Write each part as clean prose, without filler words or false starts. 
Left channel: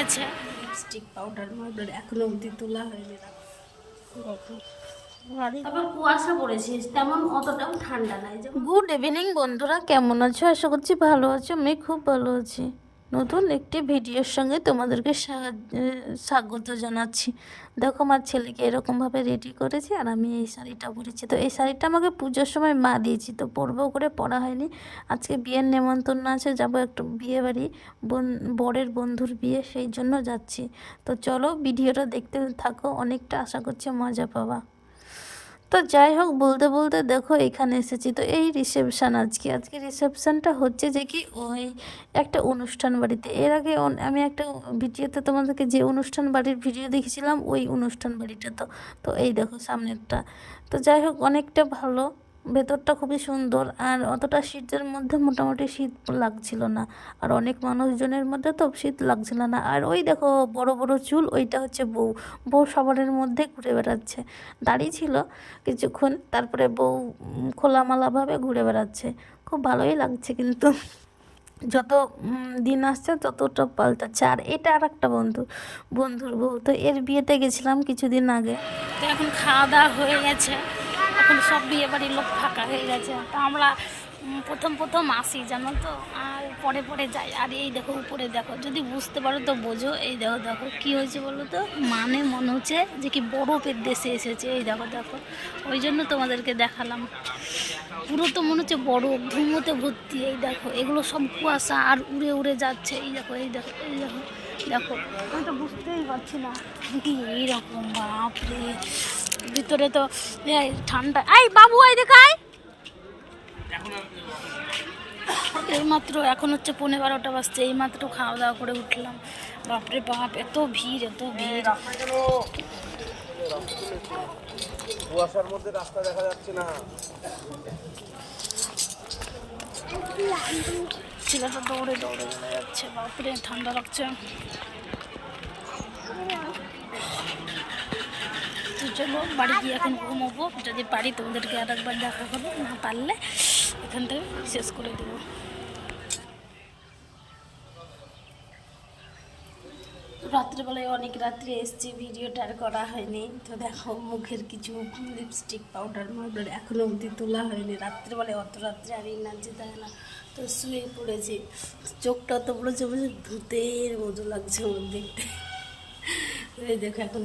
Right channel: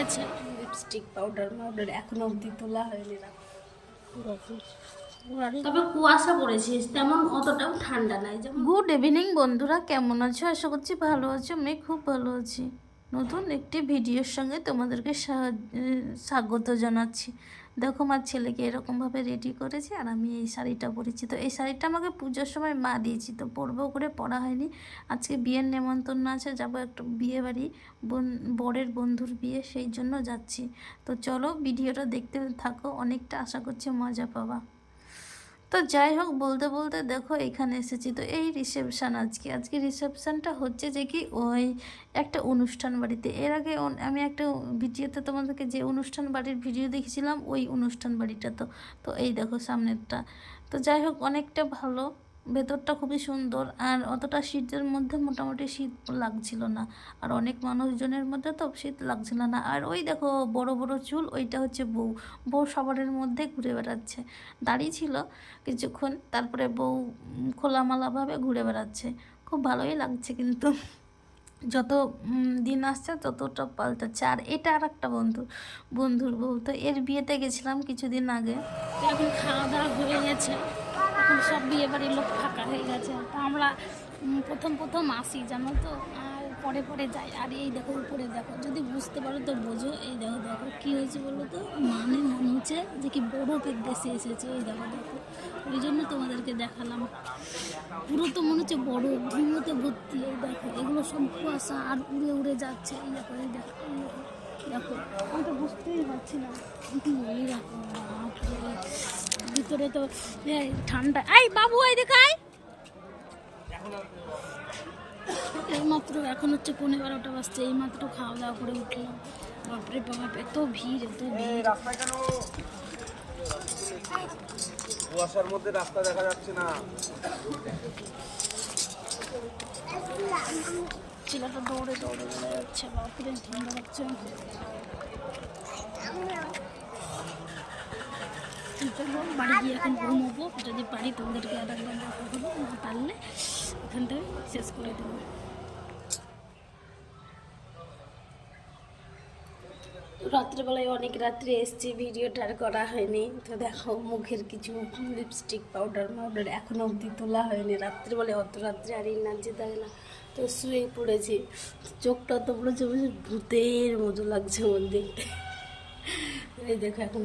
গেছে, lipstick powder মাউডার এখনো অবধি তোলা হয়নি। তবে কুয়াশা পড়েছে, তেমন অতটাও ঠান্ডা নাই। গুড ইভিনিং বন্ধুরা, কেমন আছো? আশা করছি ভালো আছো। আমি খুব ভালো আছি। নতুন একটি ভিডিওর সঙ্গে তোমাদেরকে স্বাগত জানাচ্ছি। দেখো আমার ছেলেকে এরকমভাবে রেডি করেছি, আর আমি এই শাড়িটা পরেছি। তো এই শাড়িটা আমাকে পুজোর সময় মা দিয়েছি, তো পরবো করে পরা হয়নি। আজকে বিয়ের নেমন্তন্ন আছে, যাবো একটু বিয়ে বাড়ি, বরের বন্ধুর বিয়ে, সেই জন্য যাচ্ছি। তো চলো ভিডিওটা দেখতে থাকো, অনেকটা আশা করছি মজা পাবা। তো যাই হোক, বলতে বলতে দেখো এখানে এসেছি। তো এই রিসেপশান, আজকে রিসেপশানটা হচ্ছে যে কি ওই একটা অনুষ্ঠান বাড়িতে। এর আগে আমি একটা ভিডিওতে তোমাদেরকে যে অনুষ্ঠান বাড়ির ভিডিও দেখেছিলাম, ওই অনুষ্ঠান বাড়িটা। তো এই দেখো সামনেরটা। তো যাই হোক, অনেকটা ভালো, ভেতরটা খুবই সুন্দর, আর অতটা শীতের মধ্যে মোটামুটি শীত লাগছিল না। আর অনেক মানুষজনের মধ্যে তো শীত লাগছিল না। আর ওই দেখো বড় বড় চুল, ওইটা হচ্ছে বউ সবারের মধ্যে ঘুরে বেড়াচ্ছে। দাঁড়িয়ে ছিল কিছুক্ষণ, তারপরে বউ খোলামেলাভাবে ঘুরে বেড়াচ্ছে। খুব ভালোই লাগছে, কিন্তু যত দিন আসছে ততটা পাল্টাচ্ছে। আর এটা আর একটা বন্ধুর বউ। তো এর বিয়েতে গেছিলাম কিছুদিন আগে। তো এখন খাওয়া দাওয়া হয়ে গেছে, এখন সব বিয়ে বাড়ির লোক ফাঁকা হয়ে গেছে। তো আমরা প্রথম আসি, জানো তো, আর পরে যাই। আর এই দেখো উপরে দেখো, যদি বুঝতে পারো তো বোঝো। এই দেখো কী হয়েছে বলো তো, মানে মনে হচ্ছে যে কি বরফের দেশে এসেছে। এই দেখো, ওই জন্য তোমাদেরকে দেখালাম। পুরো তো মনে হচ্ছে বরফ, ধুমোতে ভর্তি। এই দেখো এগুলো সব কুয়াশা, আর উড়ে উড়ে যাচ্ছে। এই দেখো দেখো, আমি তো বুঝতেই পারছি না দেখি এইরকম। বাপরে, ভিতরে তো ঠান্ডা। এই বাবু, এই দেখায় এইমাত্র, এখন হচ্ছে 11:30 বাজছে, এইমাত্র খাওয়া দাওয়া করে উঠলাম। বাপরে বাপ, এত ভিড়। কুয়াশার মধ্যে রাস্তা দেখা যাচ্ছে না। ছেলেটা দৌড়ে যাচ্ছে। বাপরে ঠান্ডা লাগছে। তো চলো বাড়ি গিয়ে এখন ঘুমোবো, যদি পারি তোমাদেরকে আর একবার দেখা করবো, না পারলে এখান থেকে শেষ করে দেবো। রাত্রেবেলায় অনেক রাত্রে এসছি, ভিডিওটা আর করা হয়নি। তো দেখো মুখের কিছু লিপস্টিক পাউডার মাউডার এখনও অবধি তোলা হয়নি। রাত্রেবেলায় অত রাত্রে আর এনার্জি থাকে না, তো শুয়ে পড়েছি। চোখটা তো পড়েছে, ভূতের মতো লাগছে আমার দেখতে। এই দেখো এখন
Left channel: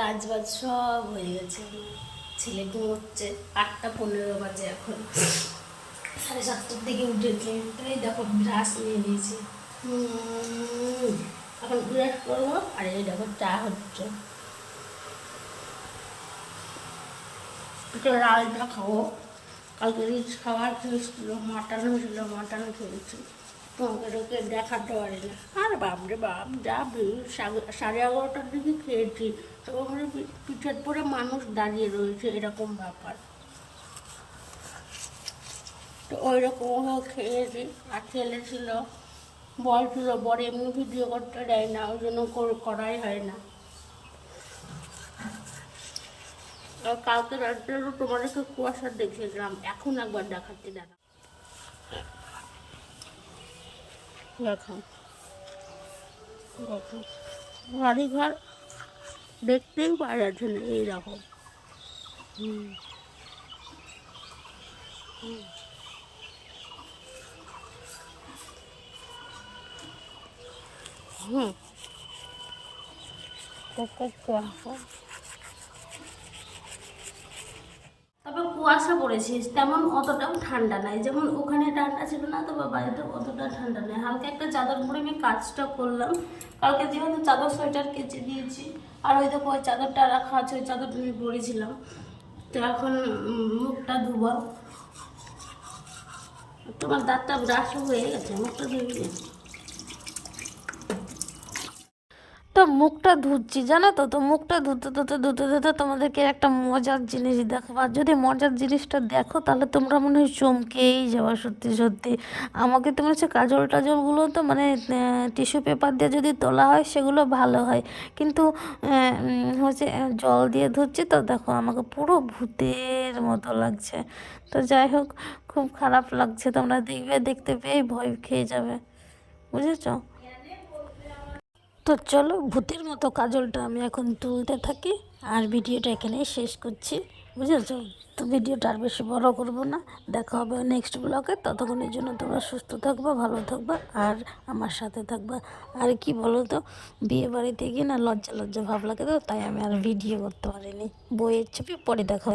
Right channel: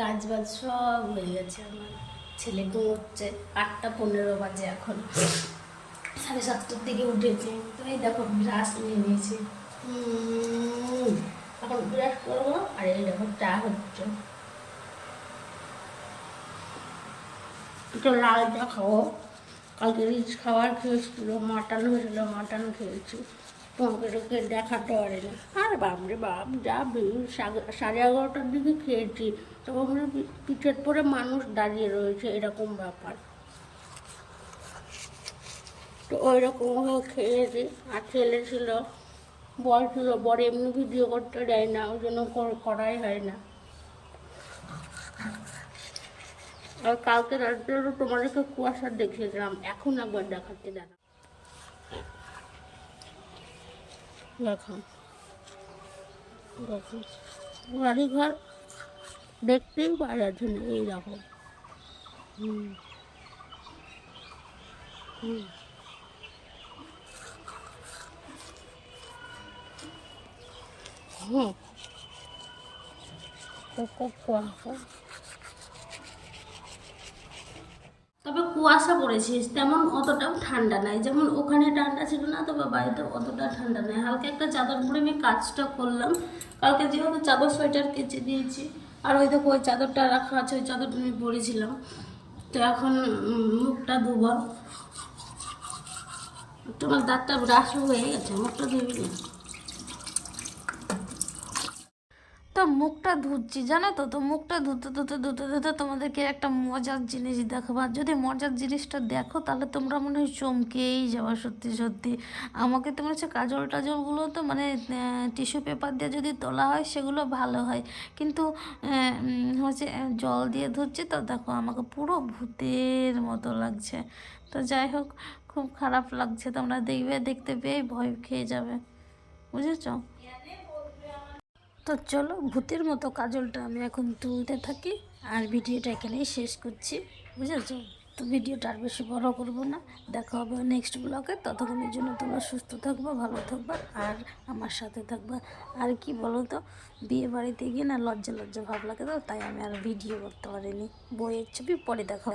কাজ বাজ সব হয়ে গেছে। আমার ছেলে ঘুমোচ্ছে, 8:15 বাজে এখন, 7:30টার দিকে উঠেছে। তো এই দেখো ব্রাশ নিয়ে নিয়েছি, এখন ব্রাশ করবো। আর এই দেখো চা হচ্ছে, একটু লাল চা খাবো। কালকে রিচ খাবার খেয়েছিল, মাটন হয়েছিল, মাটন খেয়েছি। তোমাকে দেখাতে পারি না। আর বাপরে বাপ, যা ভিড়! 11:30টার দিকে খেয়েছি, তো ওখানে পিঠের পরে মানুষ দাঁড়িয়ে রয়েছে, এরকম ব্যাপার। তো ওই রকম খেয়েছি। আর ছেলে ছিল, বর ছিল, বর এমনি ভিডিও করতে দেয় না, ওই জন্য করাই হয় না। আর কালকে রাত্রে তোমাদেরকে কুয়াশা দেখিয়েছিলাম, এখন একবার দেখাচ্ছি, দাদা দেখো বাড়িঘর দেখতেই পাওয়া যাচ্ছে না। এইরকম হুম হুম হুম কুয়াশা। তবে কুয়াশা পড়েছে, তেমন অতটাও ঠান্ডা নাই। যেমন ওখানে ঠান্ডা ছিল না, তবে বাড়িতে অতটা ঠান্ডা নাই। হালকা একটা চাদর পরে আমি কাজটা করলাম। কালকে যেহেতু চাদর সোয়েটার কেচে দিয়েছি, আর ওই দেখো ওই চাদরটা রাখা আছে, ওই চাদরটা আমি পরেছিলাম। তো এখন মুখটা ধুবো। তোমার দাঁতটা ব্রাশ হয়ে গেছে, মুখটা ধুবি। তো মুখটা ধুচ্ছি, জানো তো মুখটা ধুতে তোমাদেরকে একটা মজার জিনিস দেখাবো। আর যদি মজার জিনিসটা দেখো তাহলে তোমরা মনে হয় চমকেই যাওয়া। সত্যি আমাকে তো মনে হচ্ছে কাজল টাজলগুলো তো মানে টিস্যু পেপার দিয়ে যদি তোলা হয় সেগুলো ভালো হয়, কিন্তু হচ্ছে জল দিয়ে ধুচ্ছি। তো দেখো আমাকে পুরো ভূতের মতো লাগছে। তো যাই হোক, খুব খারাপ লাগছে, তোমরা দেখতে পেয়ে ভয় খেয়ে যাবে, বুঝেছো? তো চলো ভূতের মতো কাজলটা আমি এখন তুলতে থাকি আর ভিডিওটা এখানেই শেষ করছি, বুঝেছো? তো ভিডিওটা আর বেশি বড় করব না, দেখা হবে নেক্সট ব্লগে। ততক্ষণের জন্য তোমরা সুস্থ থাকবা, ভালো থাকবা আর আমার সাথে থাকবা। আর কি বলো তো, বিয়ে বাড়িতে গিয়ে না লজ্জা লজ্জা ভাব লাগে, তো তাই আমি আর ভিডিও করতে পারিনি। বইয়ের ছবি পরে দেখা।